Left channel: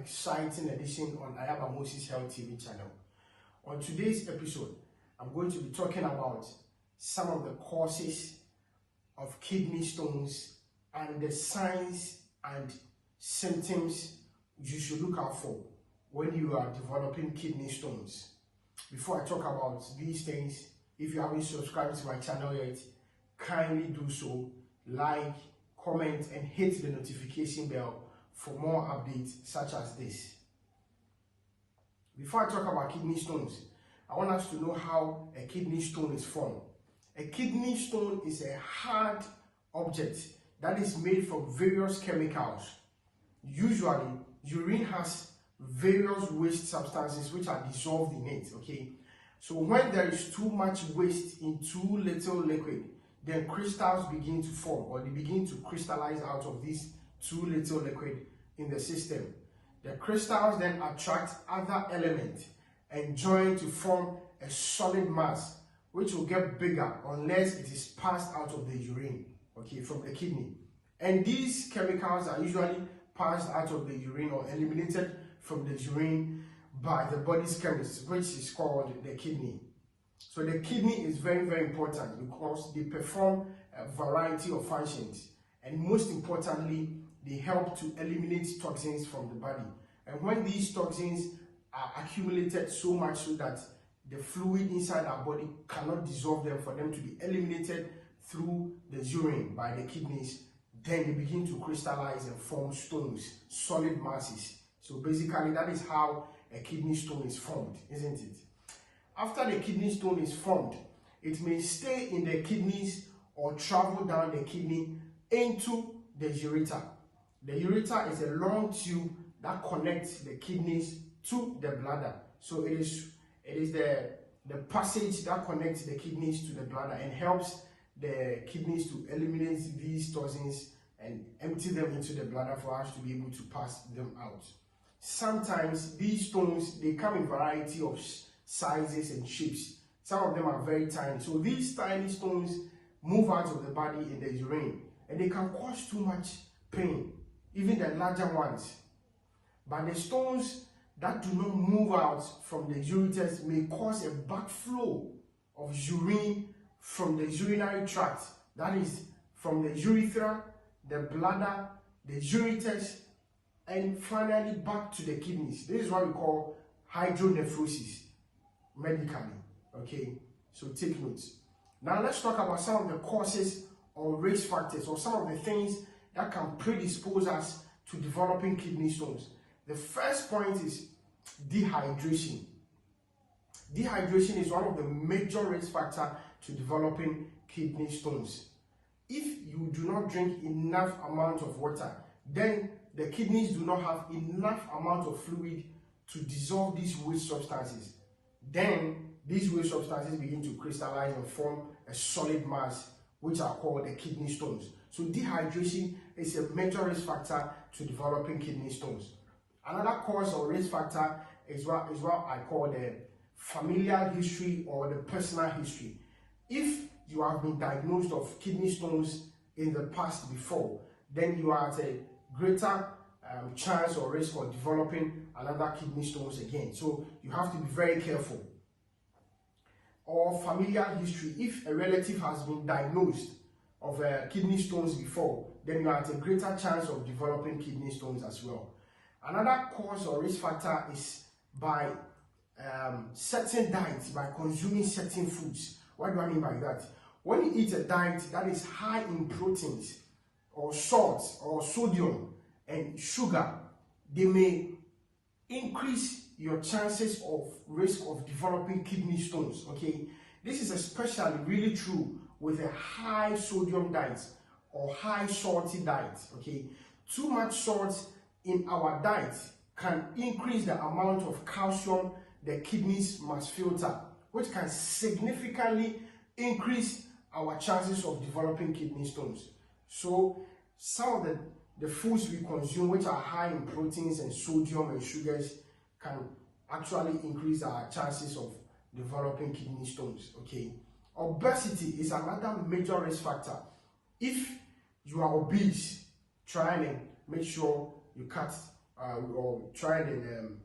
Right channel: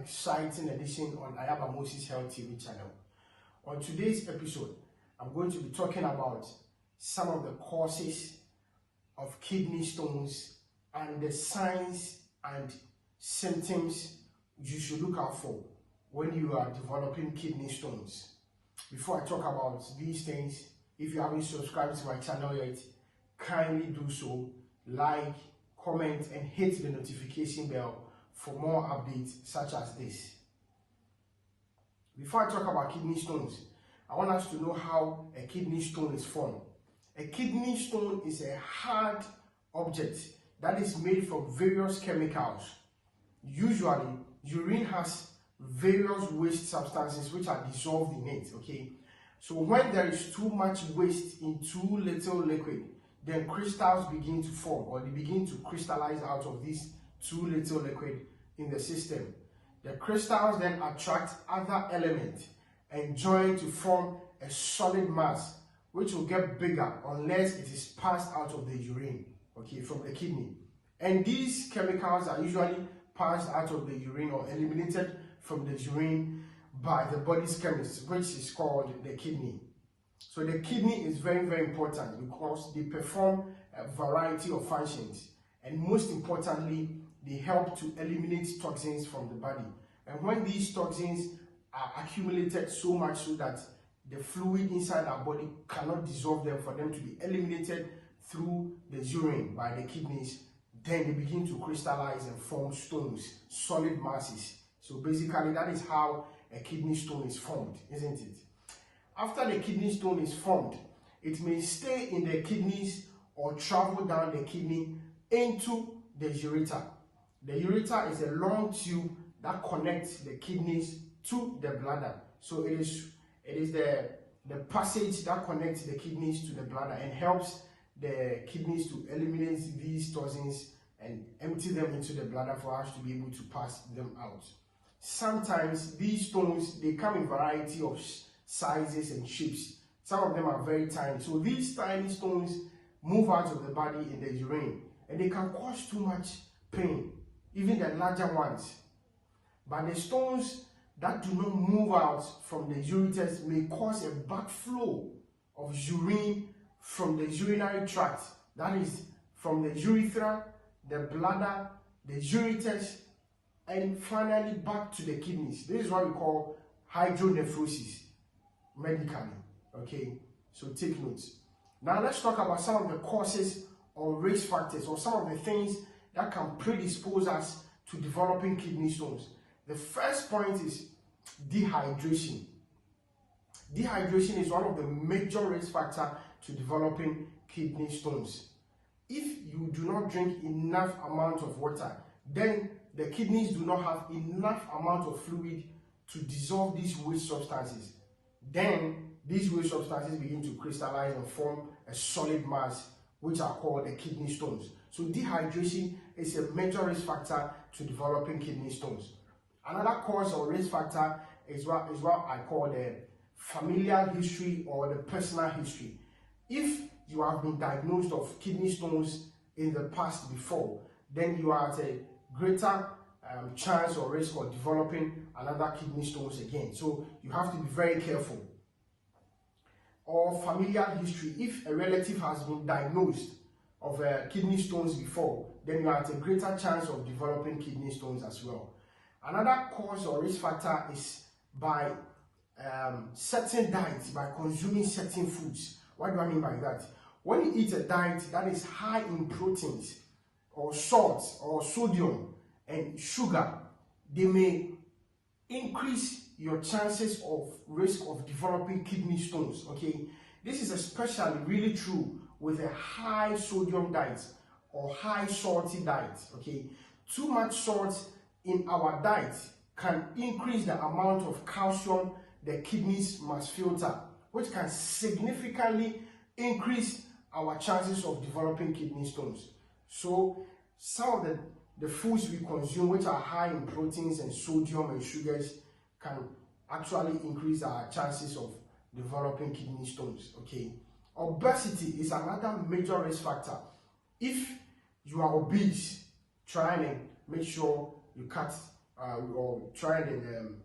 exciting edition on Moses Health TV channel. On today's episode, I'm going to be talking about some of the causes of kidney stones and the signs and symptoms you should look out for when you are developing kidney stones. Before I talk about these things, if you haven't subscribed to my channel yet, kindly do so, like, comment, and hit the notification bell for more updates such as this. Before I talk about kidney stones, I want us to know how a kidney stone is formed. A kidney stone is a hard object that is made from various chemicals. Usually, urine has various waste substances which are dissolved in it, okay? So when there is too much waste in too little liquid, then crystals begin to form, or they begin to crystallize out of this too little liquid in the system. The crystals then attract other elements and join to form a solid mass, which will get bigger unless it is passed out of the urine, okay, from the kidney. And these chemicals are usually passed out of the urine or eliminated from the urine by the body's chemist, which is called the kidney. So the kidney is very, very important because they perform a variety of functions, and most importantly, they help to eliminate toxins from the body. And when these toxins are accumulated so much so that the fluid inside our body cannot dissolve them for them to be eliminated through the urine by the kidneys, then they begin to crystallize and form stones, solid masses. So basically, that is how a kidney stone is formed, isn't it? After the kidney stone is formed, it may stay in the kidneys or travel down the kidney into the ureter. The ureter is a long tube that connects the kidneys to the bladder. So it is the passage that connects the kidneys to the bladder and helps the kidneys to eliminate these toxins and empty them into the bladder for us to be able to pass them out. Sometimes these stones, they come in variety of sizes and shapes. Some of them are very tiny. So these tiny stones move out of the body in the urine, and they can cause too much pain, even the larger ones. But the stones that do not move out from the ureters may cause a backflow of urine from the urinary tract. That is, from the urethra, the bladder, the ureters, and finally back to the kidneys. This is what we call hydronephrosis medically, okay? So take notes. Now let's talk about some of the causes or risk factors, or some of the things that can predispose us to developing kidney stones. The first point is dehydration. Dehydration is one of the major risk factors to developing kidney stones. If you do not drink enough amount of water, then the kidneys do not have enough amount of fluid to dissolve these waste substances. Then these waste substances begin to crystallize and form a solid mass, which are called the kidney stones. So dehydration is a major risk factor to developing kidney stones. Another cause or risk factor is what I call the familial history or the personal history. If you have been diagnosed of kidney stones in the past before, then you are at a greater chance or risk for developing another kidney stones again. So you have to be very careful. Or familial history. If a relative has been diagnosed of kidney stones before, then you are at a greater chance of developing kidney stones as well. Another cause or risk factor is by certain diets, by consuming certain foods. What do I mean by that? When you eat a diet that is high in proteins or salt or sodium and sugar, they may increase your chances of risk of developing kidney stones, okay? This is especially really true with a high sodium diet or high salty diet, okay? Too much salt in our diet can increase the amount of calcium the kidneys must filter, which can significantly increase our chances of developing kidney stones. So some of the foods we consume, which are high in proteins and sodium and sugars, can actually increase our chances of developing kidney stones, okay? Obesity is another major risk factor. If you are obese, try and make sure you cut or try and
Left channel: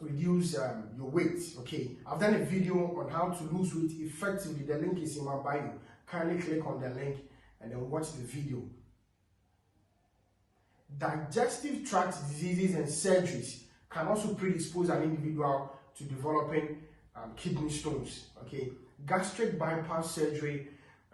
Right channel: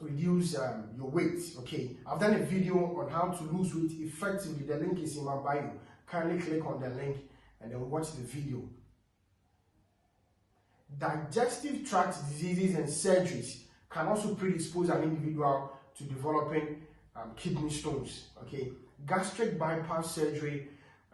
reduce your weight. Okay, I've done a video on how to lose weight effectively. The link is in my bio. Kindly click on the link and then watch the video. Digestive tract diseases and surgeries can also predispose an individual to developing kidney stones. Okay, gastric bypass surgery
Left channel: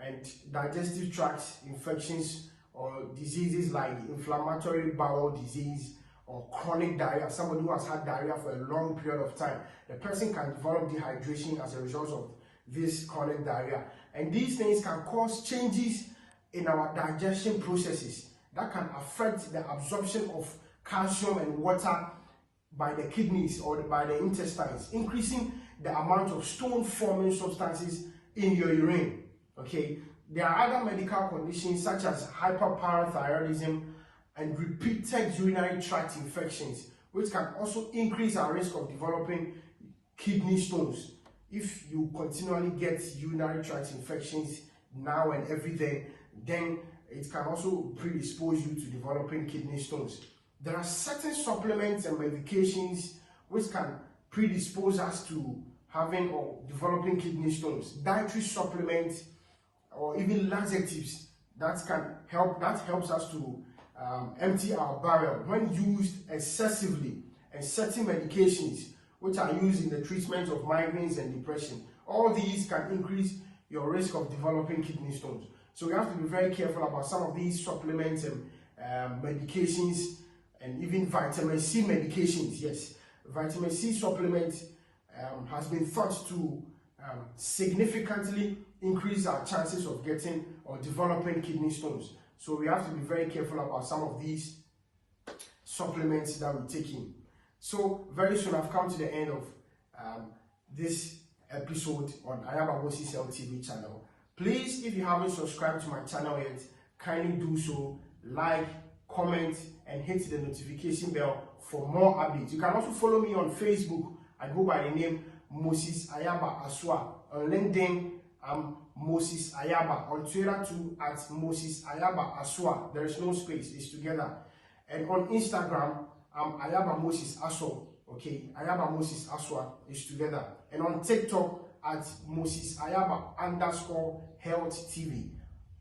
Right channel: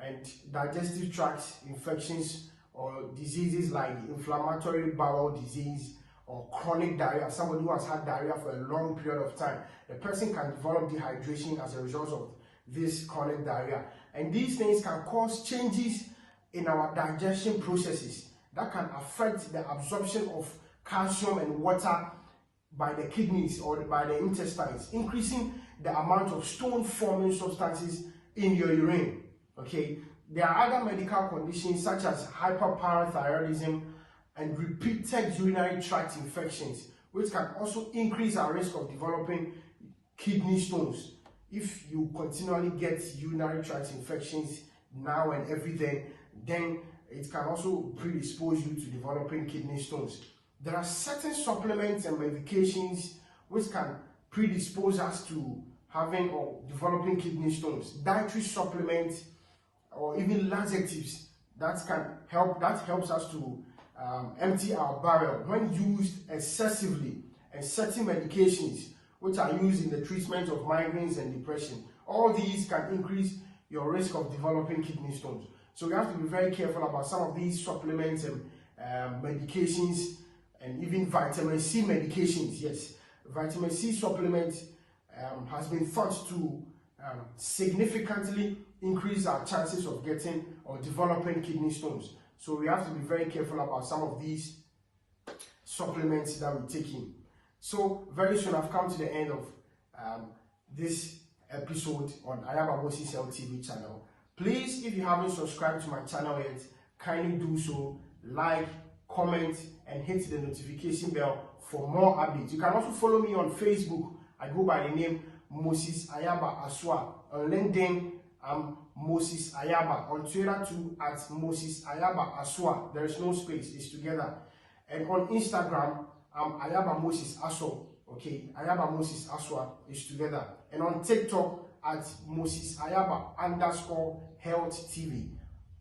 and digestive tract infections or diseases like inflammatory bowel disease or chronic diarrhea, somebody who has had diarrhea for a long period of time, the person can develop dehydration as a result of this chronic diarrhea. And these things can cause changes in our digestion processes that can affect the absorption of calcium and water by the kidneys or by the intestines, increasing the amount of stone-forming substances in your urine. Okay, there are other medical conditions such as hyperparathyroidism and repeated urinary tract infections, which can also increase our risk of developing kidney stones. If you continually get urinary tract infections now and every day, then it can also predispose you to developing kidney stones. There are certain supplements and medications which can predispose us to having or developing kidney stones. Dietary supplements or even laxatives that helps us to empty our bowel when used excessively, and certain medications which are used in the treatment of migraines and depression. All these can increase your risk of developing kidney stones. So we have to be very careful about some of these supplements and medications, and even vitamin C medications. Yes, vitamin C supplements has been thought to significantly increase our chances of getting or developing kidney stones. So we have to be very careful about some of these supplements that we're taking. So very soon I've come to the end of this episode on Ayaba Moses Health TV channel. Please, if you haven't subscribed to my channel yet, kindly do so. Like, comment, and hit the notification bell for more updates. You can also follow me on Facebook. I go by the name Moses Ayaba Aswa. On LinkedIn, I'm Moses Ayaba. On Twitter too, at Moses Ayaba Aswa. There is no space, it's together. And on Instagram, I'm Ayaba Moses Aswa. Okay, Ayaba Moses Aswa is together. And on TikTok, at Moses Ayaba _Health TV.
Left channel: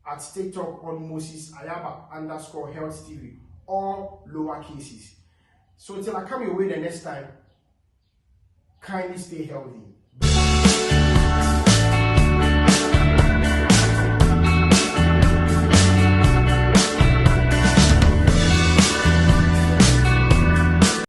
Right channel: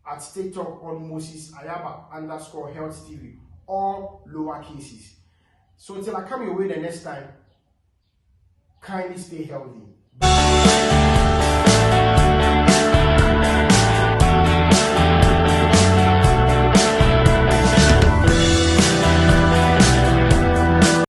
At TikTok on Moses Ayaba _Health TV. All lower cases. So until I come your way the next time, kindly stay healthy.